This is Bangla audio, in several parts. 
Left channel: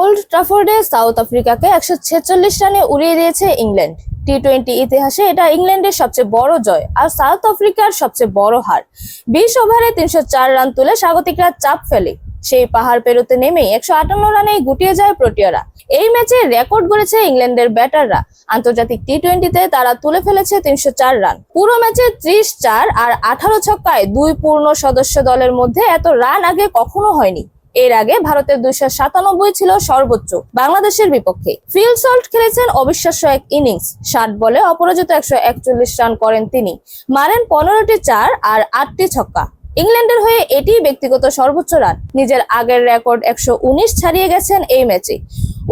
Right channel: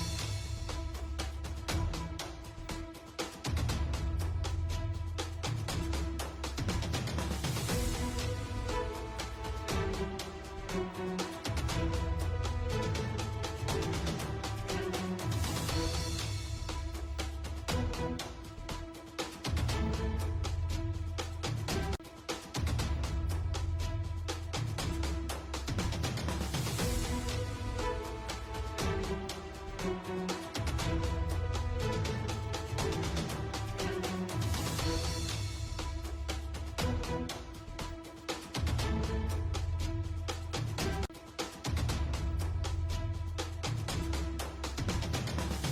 ওল্ড ট্রাফোর্ডে সাউথ আফ্রিকাকে 146 রানে উড়িয়ে দিয়েছে ইংল্যান্ড। টি-20 ইতিহাসে এটা ইংল্যান্ডের সবচেয়ে বড় জয় আর সাউথ আফ্রিকার সবচেয়ে বড় হার। 20 ওভারে 304 রান তুলে স্বাগতিকরা চাপ ফেলে। সেই পাহাড় পেরোতে নেমেই 158 রানেই গুটিয়ে যায় প্রোটিয়ারা। এই ম্যাচে রেকর্ড গড়েছে ইংল্যান্ডের ব্যাটাররা। আন্তর্জাতিক টি-20তে তারা তুলে ফেলেছে 304 রান। পুরো ম্যাচে 30-4 আর 18 ছক্কায় দুই পূর্ণ সদস্য দলের মধ্যে এত রান আগে কখনো হয়নি। এর আগে ভারতের 297 ছিল সর্বোচ্চ বাংলাদেশের বিপক্ষে। ফিল সল্ট খেলেছেন অবিশ্বাস্য এক ইনিংস। 60 বলে অপরাজিত 141 রান করেন তিনি, মারেন 15টি 4 আর 8টি ছক্কা। ইংল্যান্ডের হয়ে এটি ব্যক্তিগত সর্বোচ্চ রান। নিজের আগের রেকর্ড 119 ছাড়িয়ে গেছেন এই ম্যাচে।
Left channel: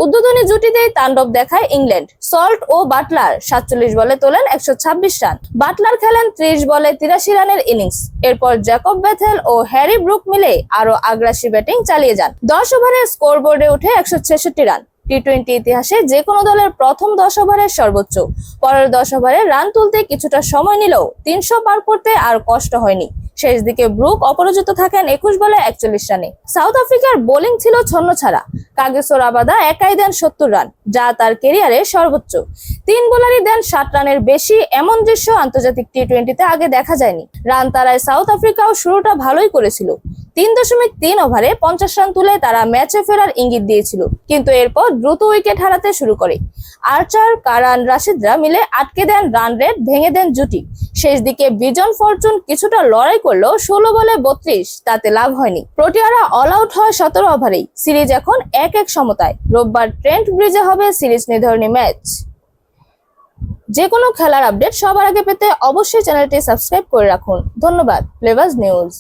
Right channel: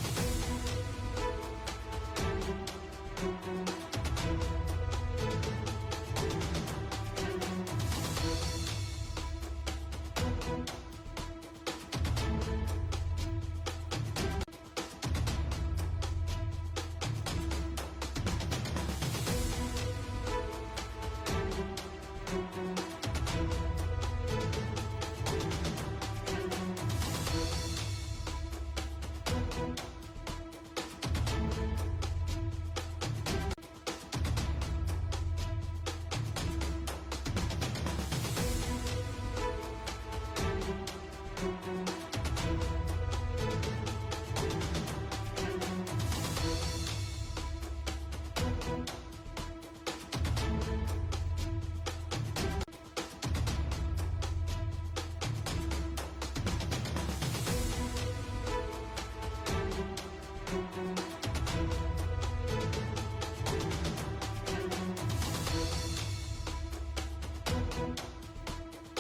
উদ্বোধনী জুটিতেই তাণ্ডব দেখায় ইংল্যান্ড। সল্ট ও বাটলার 47 বলে তোলেন 126 রান। বাটলার খেলেন 30 বলে 83 রানের ইনিংস। এরপর জ্যাকব বেথেল ও হ্যারি ব্রুক মিলে আরো আগ্রাসী ব্যাটিং চালিয়ে যান। 10 ওভারে স্কোরবোর্ডে উঠে 166 রান। টি-20 ইতিহাসে যে কোনো দলের প্রথম 10 ওভারের সর্বোচ্চ। পরের 10 ওভারে রান তুলতে কিছুটা সময় নিলেও 300 পার করতে আর কষ্ট হয়নি। শেষ দিকে ব্রুক অপরাজিত থাকেন 21 বলে 41 রানে। সাউথ আফ্রিকার বোলিং ছিল ছন্নছাড়া। কাগিসো রাবাদা একাই দেন 70 রান, যা তার ক্যারিয়ারে সর্বোচ্চ। 3 বোলারই দেন 60 রানের বেশি। এমন দৃশ্য আন্তর্জাতিক টি-20তে আগে দেখা যায়নি। রান তারায় সাউথ আফ্রিকাও শুরুটা ভালোই করেছিল। 3.3 ওভারে 50 রান তুলে তারা ম্যাচে ফেরার ইঙ্গিত দিয়েছিল, কিন্তু এরপর দ্রুত উইকেট হারাতে শুরু করে। আর্চার, কারান, রাশিদরা মিলে আটকে দেন রান রেট, ভেঙে দেন জুটি। শেষ দিকে বিজন ফরচুন কিছুটা লড়াই করলেও 16 বলে 32, তাতে লাভ হয়নি। প্রোটিয়ারা অল আউট হয় 17 ওভারেই। সিরিজ এখন 1-1 সমতায়। রোববার ট্রেন্ট ব্রিজে হবে সিরিজ নির্ধারণী ম্যাচ। যে কোনো খেলার আপডেট সবার আগে পেতে অবশ্যই চ্যানেলটি সাবস্ক্রাইব করে রাখুন। ধন্যবাদ। Flavours news.